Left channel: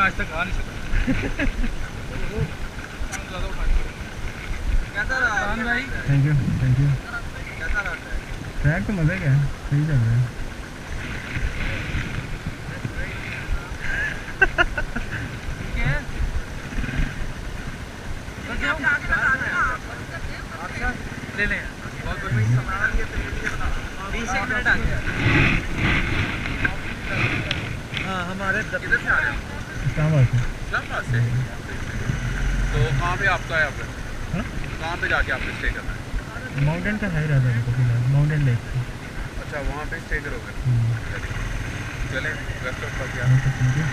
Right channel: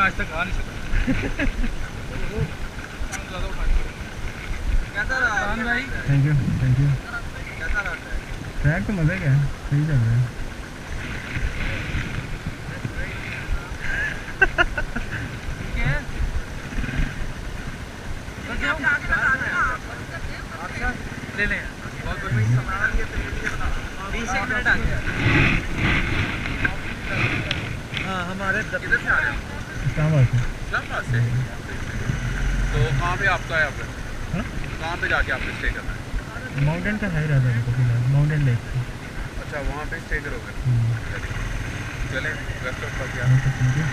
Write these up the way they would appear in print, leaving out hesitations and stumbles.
मैं आज तक आ नहीं सका। कैसा रहा भाई? थैंक यू कैसा रहा? ट्रैक तो मज़े का है, सही चल रहा है। ले लें सामान ये 20 मिनट आ गया। हाँ हमारे किधर से आ रहे हैं? इस्लामाबाद से। इस्लामाबाद से। तो कहाँ पे आपका है? आपका कहाँ पे जाके आपने स्टे करना है? माउंटेन का है रहता है तो फिलहाल माउंटेन लेक। अच्छा वहाँ पे स्टे करोगे? चलें वेस्ट ऑफ क्या? ठीक है।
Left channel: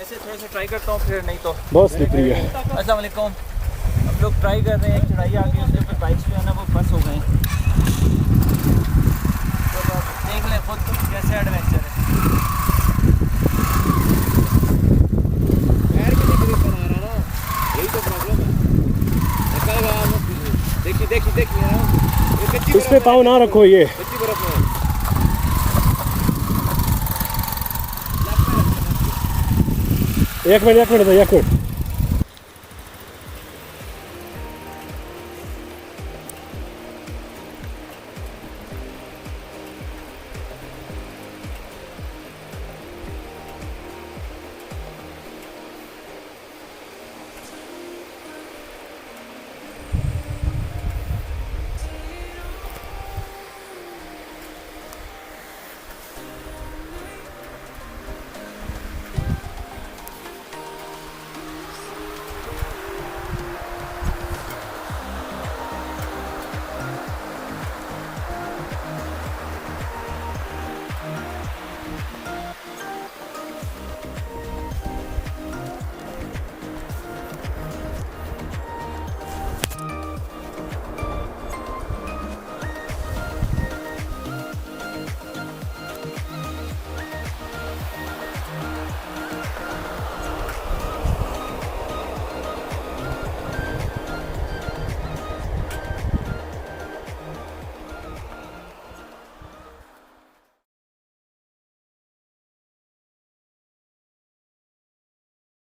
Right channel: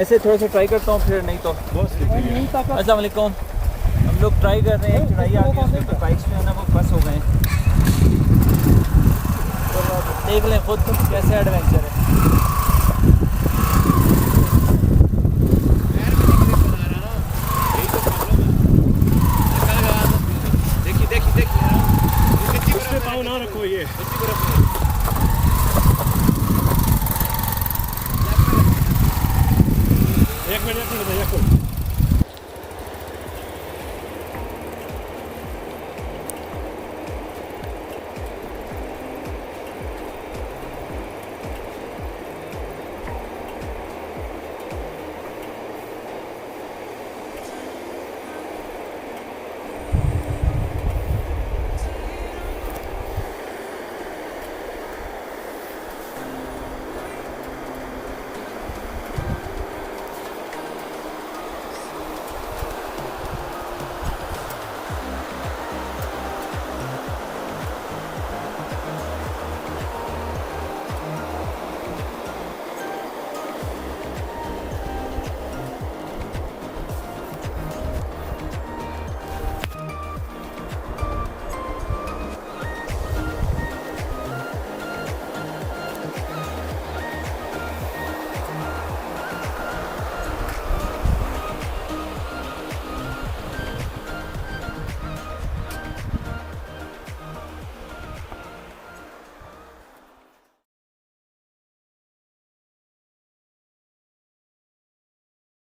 ऐसे थोड़ा सा ट्राई करता हूँ फिर नहीं तो बहुत स्लिपरी है। अस्सलाम वालेकुम। हम लोग ट्राई कर रहे हैं, चढ़ाई आ गई, उसके ऊपर बाइक्स जो है ना वो बस हो गए हैं। तो देख लें खुद कैसे एडवेंचर है। इस पे पाँव ना रखो, ये एक मिनट एक मिनट।